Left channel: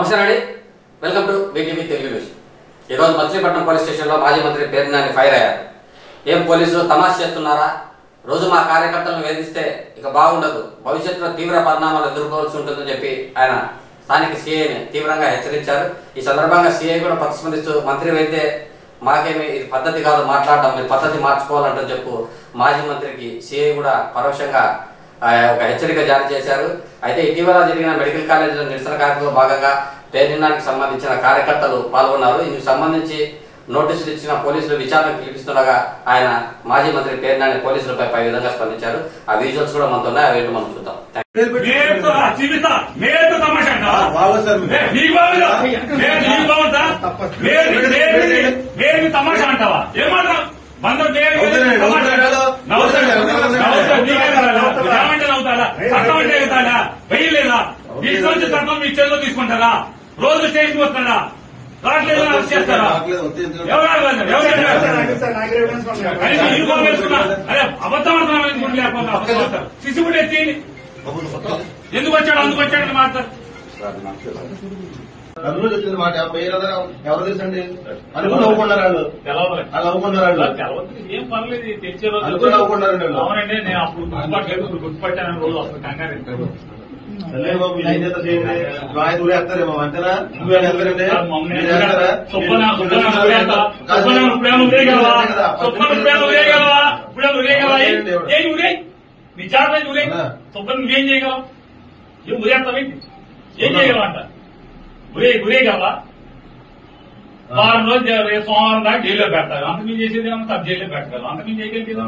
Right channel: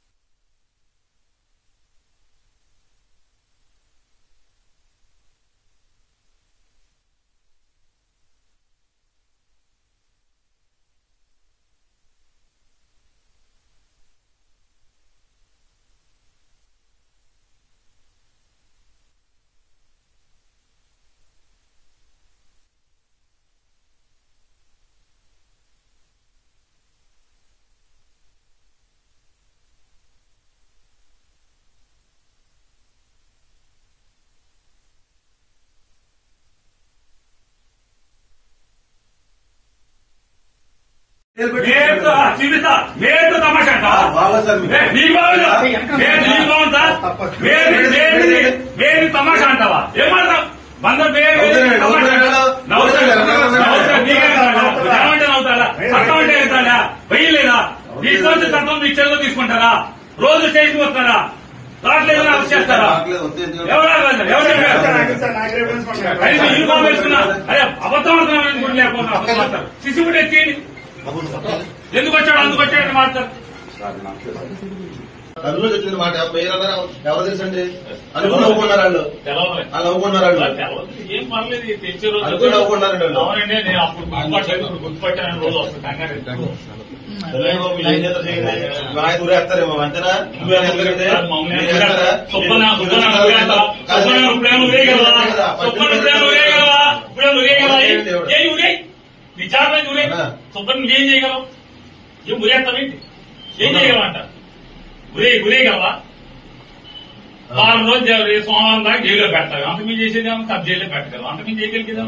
నమస్తే అండి, welcome to VTV Telugu news. ఈరోజు మచిలీపట్నం పోలీస్ స్టేషన్లో మాజీ మంత్రి పేర్నాని ఫైర్ అయ్యారు. ఏం పోలీసులు తమాషా చేస్తున్నారా? రోజు మా కార్యకర్తలను వేధిస్తే ఇక బాగుండదు, భవిష్యత్తులో తీవ్ర పరిణామాలు ఎదుర్కోవాల్సి ఉంటుందని చెప్పి ఆయన స్థానిక సీఐని తీవ్రంగా హెచ్చరించారు. ఈ సందర్భంగా సీఐ కూడా ప్రతిస్పందిస్తూ మంత్రి అయితే మాకేమి ఇది పద్ధతి కాదు మాట్లాడడం, మీరు పద్ధతి మార్చుకోవాలంటూ చెప్పు మాజీ మంత్రికి సీఐ కూడా పరోక్షంగా ఒక హెచ్చరిక జారీ చేశారు. అయితే ఇటీవల జరిగిన మెడికల్ కాలేజీలో నిరసన కార్యక్రమంలో భాగంగా పేర్నానికి సంబంధించిన కార్యకర్తలు పాల్గొన్నారు. ఇందుకు సంబంధించి నోటీసులు ఇచ్చిన పోలీసులు విచారణ పిలిపిస్తుండగా ఆయన మాజీ మంత్రి పేర్నాని పోలీసులపై పై విధంగా స్పందించారు. ఆ విజువల్స్ కూడా మనతో ఉన్నాయి, అవి మనం చూద్దాం. తమాషా అంటావా? ఏమంటావు? వెయ్యలేదా? మీ రోజు తప్ప మీ చెల్లో తీసుకుంటారా? రోజు స్టేషన్ వస్తారా? రావట్లేదు చేస్తారా? అదే అబద్ధం లేకపోతే సిసి కూడా ఎత్తి ఎందుకు వచ్చాడు అందుకు వచ్చాడని మాట్లాడతారు. అందులో చెప్పిన మాట ఎవరు తెలుసండి? అనుకుని నవ్వుకున్నారు వాళ్ళు, వాళ్ళు నవ్వుకున్నారు వాళ్ళు, ఏం పర్లేదు తెచ్చే రోజు అనుకుని నవ్వుకున్నారు. అవునండి, నేను అప్పుడు గుర్తుపట్టాను. రోజు వస్తాను కంగారు ఊరేస్తారేమో అంతేనా? నువ్వేంటే విచారణ ఊరే సుబ్బని నువ్వేం చేయగలవు? ఏం ఊరేస్తావేంటి? ఏం చేయగలవంట? ఉరేయగలవా? వారం రోజు సోమవారం దాకా జైల్లో పెడతావు. అంత మీద చేసేది సబ్ జైల్లో పెట్టగలవు. అంత మీద చేయగలిగేదా?